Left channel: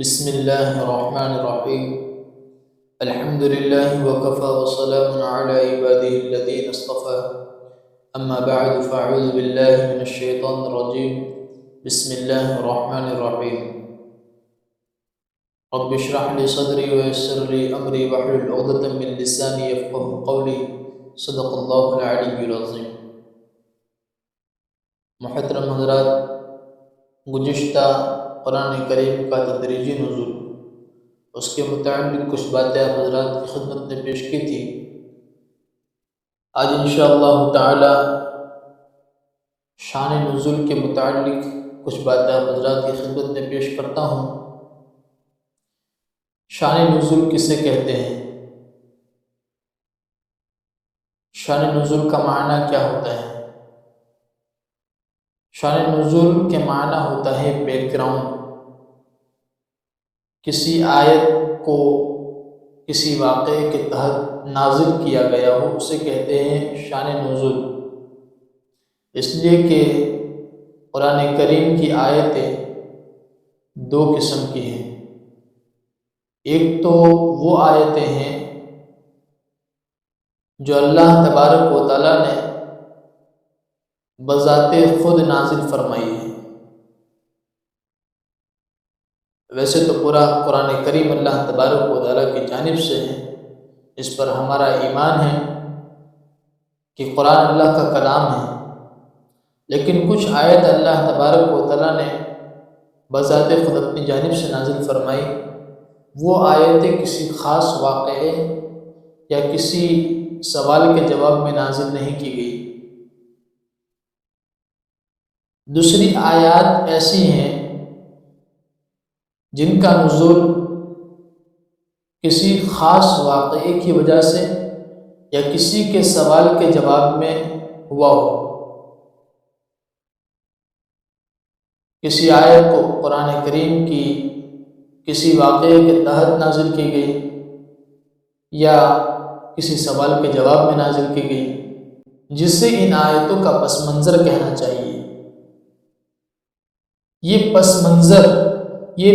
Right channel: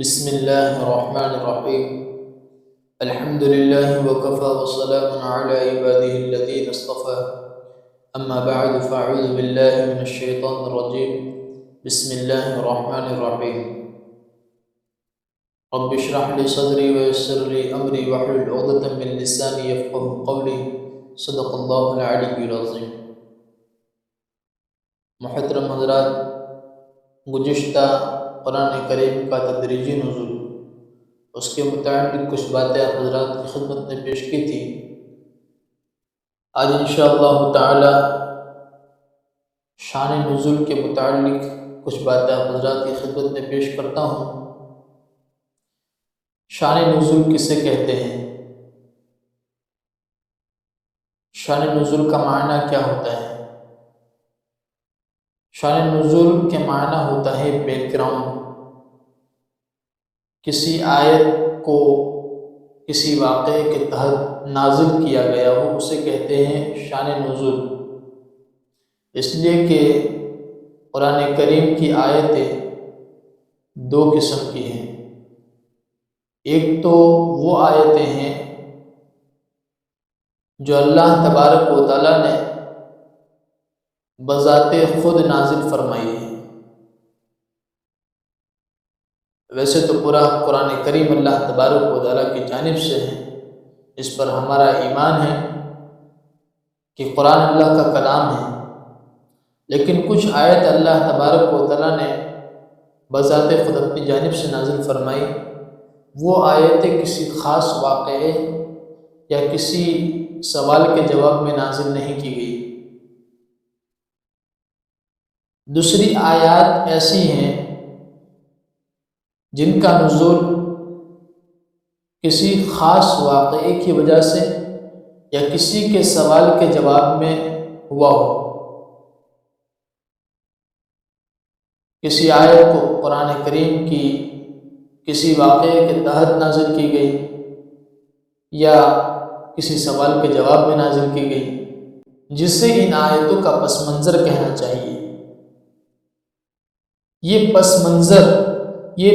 بسم الله الرحمن الرحيم. الحمد لله وكفى وسلام على عباده الذين اصطفى. أما بعد فأعوذ بالله من الشيطان الرجيم. بسم الله الرحمن الرحيم. رب اشرح لي صدري ويسر لي أمري واحلل عقدة من لساني يفقهوا قولي. صدق الله العلي العظيم. محترم حضرات، گزشتہ قرآن کریم کا تدریجی نزول، اس کے متعلق کچھ باتیں آپ حضرات کی خدمت میں پیش کی تھی۔ آج انشاءاللہ تعالی شان نزول کے متعلق کچھ باتیں آپ حضرات کی خدمت میں پیش کرتا ہوں۔ شان نزول کسے کہتے ہیں؟ شان نزول کا معنی کیا ہوتا ہے؟ شان نزول کے معنی ہوتا ہے بیک گراؤنڈ۔ کسی آیت کو کسی واقعے کے تحت نازل کیا گیا ہو، اسے کہتے ہیں شان نزول۔ اس لیے کہ قرآن کریم کی آیتیں دو قسم کی ہیں۔ ایک تو وہ آیتیں ہیں جو اللہ تبارک و تعالیٰ نے بذات خود نازل فرمائی ہے۔ ویسے تو پورا قرآن کریم اللہ تبارک و تعالیٰ کی جانب سے ہے، اس پر ہمارا ایمان ہے کہ قرآن اللہ کا کلام ہے، لیکن کچھ آیت اللہ تبارک و تعالیٰ نے بذات خود اپنی جانب سے نازل فرمائی۔ وہ آیتیں کسی خاص واقعے یا کسی سوال کے جواب میں نازل نہیں کی گئی۔ دوسری آیات ایسی ہیں جن کا نزول کسی خاص واقعے کی وجہ سے یا کسی کے سوال کے جواب میں ہوا ہو۔ کسی آیت کو قرآن کریم کی کسی واقعے کے تحت نازل کی گئی یا کسی سوال کے جواب میں نازل کی گئی، جسے ان آیتوں کا پس منظر کہنا چاہیے۔ یہ پس منظر، یہ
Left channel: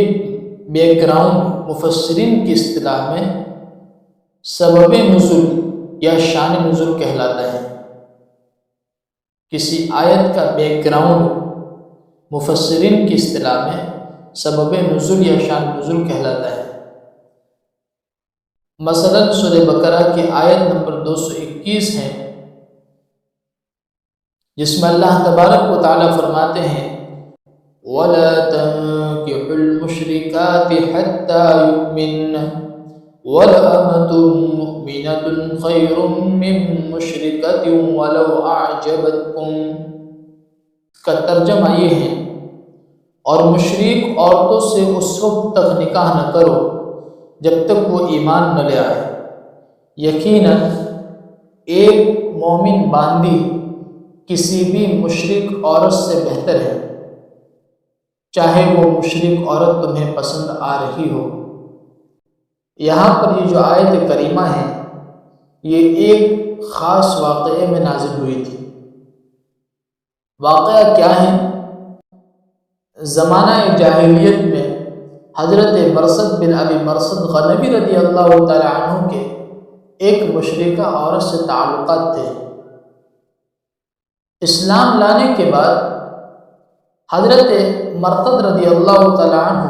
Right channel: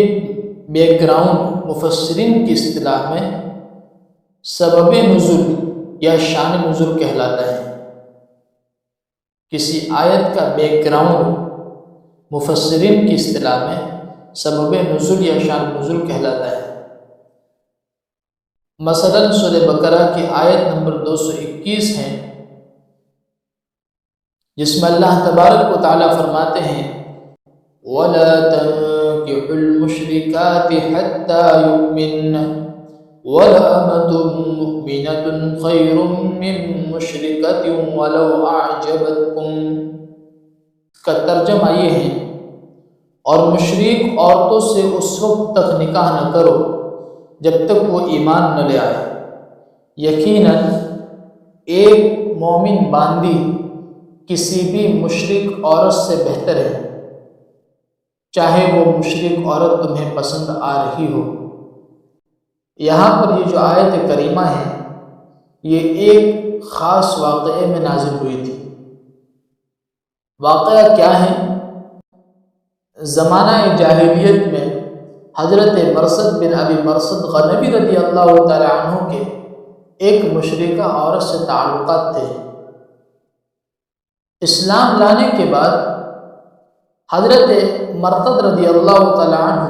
بیک گراؤنڈ مفسرین کی اصطلاح میں سبب نزول یا شان نزول کہلاتا ہے۔ کسی آیت کا بیک گراؤنڈ مفسرین کی اصطلاح میں سبب نزول یا شان نزول کہلاتا ہے۔ مثلا سورہ بقرہ کی آیت نمبر 221 ہے، جس میں اللہ تبارک و تعالیٰ فرماتے ہیں وَلَا تَنكِحُوا الْمُشْرِكَاتِ حَتَّى يُؤْمِنَّ وَلَأَمَةٌ مُؤْمِنَةٌ خَيْرٌ مِّن مُّشْرِكَةٍ وَلَوْ أَعْجَبَتْكُمْ۔ اس کا ترجمہ یہ ہے، اور مشرک عورتوں سے اس وقت تک نکاح نہ کرو جب تک وہ ایمان نہ لے آئے۔ یقیناً ایک مومن باندی کسی بھی مشرک عورت سے بہتر ہے، چاہے وہ مشرک عورت تمہیں پسند آ رہی ہو۔ یہاں پر یہ جو آیت کریمہ ہے، یہ ایک خاص واقعے میں نازل ہوئی تھی۔ واقعہ کیا ہے؟ زمانہ جاہلیت میں حضرت مرثد بن ابی مرثد غنوی رضی اللہ تعالی عنہ کے ایک مشرکہ عورت سے تعلقات تھے۔ اسلام لانے کے بعد حضرت مرثد رضی اللہ تعالی عنہ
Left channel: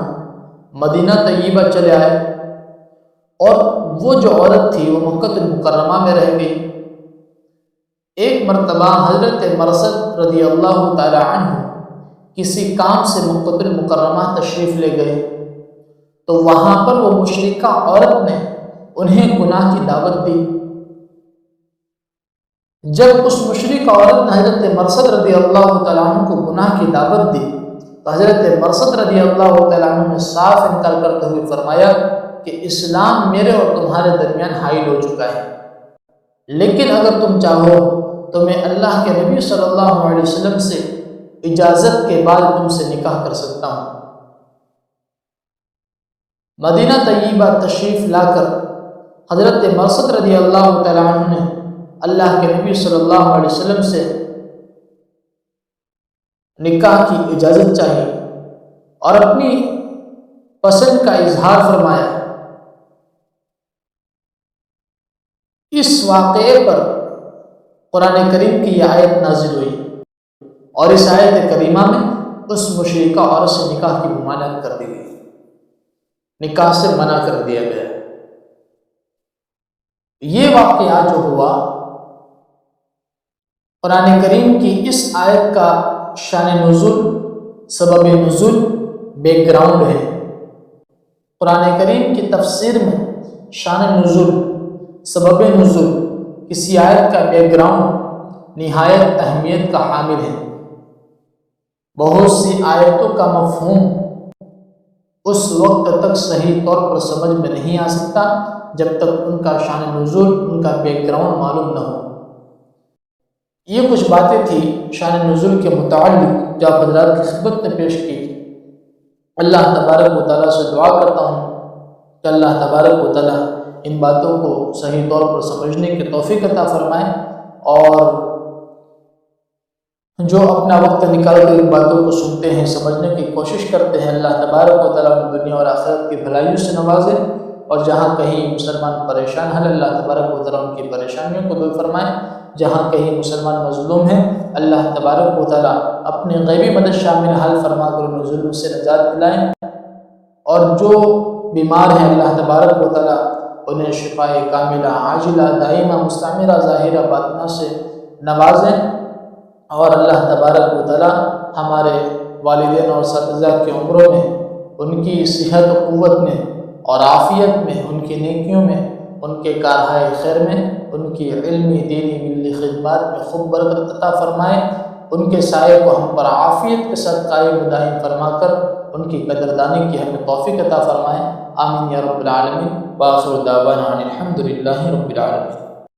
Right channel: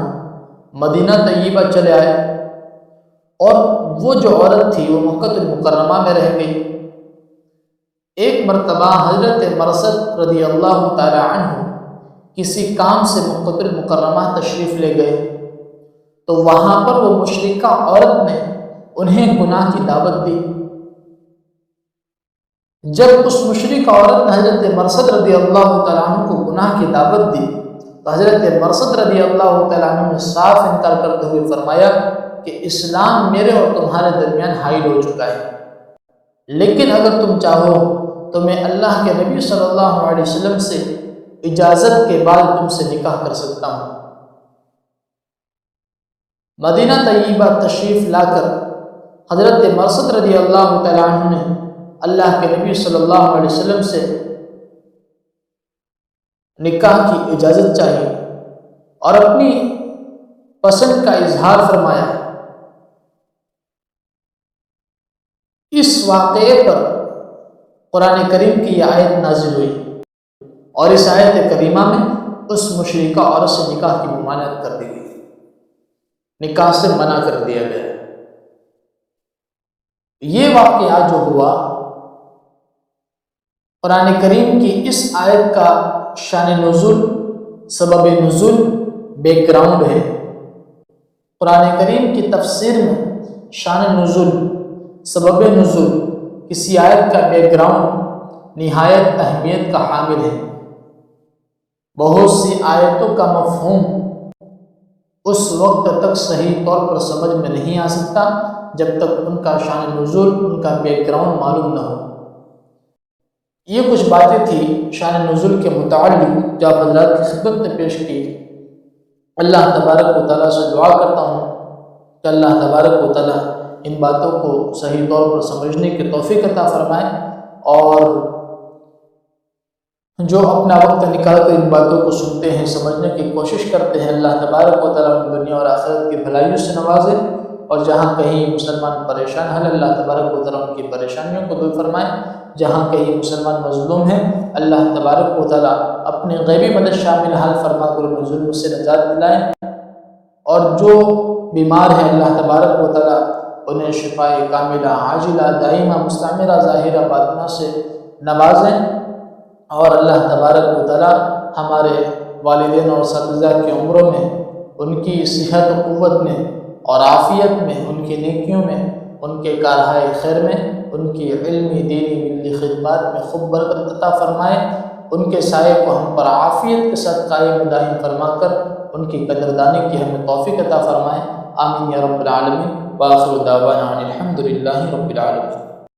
مدینہ طیبہ چلے آئے، اور وہ جو عورت تھی وہ مکہ المکرمہ میں رہ گئی۔ ایک مرتبہ حضرت مرثد رضی اللہ تعالی عنہ کسی کام سے مکہ المکرمہ تشریف لے گئے، تو وہاں پر وہ مشرکہ عورت نے انہیں گناہ کی دعوت دی۔ جب اس مشرکہ عورت نے حضرت مرثد رضی اللہ تعالیٰ عنہ کو گناہ کی دعوت دی، تو حضرت مرثد رضی اللہ تعالیٰ عنہ نے صاف انکار کرتے ہوئے فرمایا کہ اسلام میرے اور تمہارے درمیان حائل ہو چکا ہے، لیکن اگر تم چاہو تو میں اللہ کے نبی صلی اللہ علیہ وسلم سے اجازت کے بعد تم سے نکاح کر سکتا ہوں۔ مدینہ طیبہ تشریف لا کر حضرت مرثد رضی اللہ تعالیٰ عنہ نے اللہ کے نبی صلی اللہ علیہ وسلم سے نکاح کی اجازت چاہی، اور اپنی پسند کا اظہار فرمایا۔ اس واقعے پر قرآن کریم کی یہ آیت نازل ہوئی، اور اس آیت کریمہ میں اس مشرکہ عورت سے نکاح کی ممانعت کر دی گئی، نکاح سے منع کر دیا گیا۔ یہ واقعہ جو ہوا، قرآن کریم کی اس آیت کا شان نزول، سبب نزول، بیک گراؤنڈ ہے۔ قرآن کریم کی تفسیر میں شان نزول، سبب نزول، کسی آیت کا بیک گراؤنڈ نہایت اہمیت کا حامل ہے۔ بہت سی آیتوں کا مفہوم اس وقت تک صحیح طور پر سمجھ میں نہیں آ سکتا جب تک ان کا شان نزول، ان کا بیک گراؤنڈ معلوم نہ ہو۔ یہ کچھ باتیں تھیں شان نزول کے متعلق جو آپ حضرات کی خدمت میں پیش کی۔ اللہ تبارک و تعالیٰ سے دعا کرتا ہوں کہ اللہ تبارک و تعالیٰ ان باتوں کو صحیح طور پر سمجھنے کی توفیق عطا فرمائے، اور جو اپنا وقت نکال کر ان باتوں کو سنتے ہیں، سمجھنے کی کوشش کرتے ہیں، اللہ تبارک و تعالیٰ ان دنیا اور آخرت کی بھلائیوں سے نوازے، اور جہاں کہیں مسلمان پریشان ہیں اللہ تبارک و تعالیٰ ان کی پریشانیوں کو دور فرمائے، جہاں کہیں مسلمان مظلوم ہیں اللہ تبارک و تعالیٰ اپنے غیبی مدد شامل حال فرما کر انہیں ظلم سے نجات دلائیں، اور جو بیمار ہیں اللہ تبارک و تعالیٰ انہیں شفائے کاملہ عاجلہ دائمہ مستعمرہ ظاہرہ باطنہ سے نوازیں، اور اللہ تبارک و تعالیٰ ہمارے والدین اور اساتذہ کی عمروں میں، ان کی صحت و قوت میں اور عافیت میں، ان کی نیکیوں میں، ان کے کارہائے خیر میں، ان کی علمی دینی ملی خدمات میں خوب برکت عطا فرمائے، ان کے سائے کو ہم پر عافیت کے ساتھ قائم و دائم فرما کر ان کی قدردانی کی ہمیں توفیق عطا فرمائے۔ آمین یا رب العالمین، وآخر دعوانا ان الحمد للہ رب العالمین۔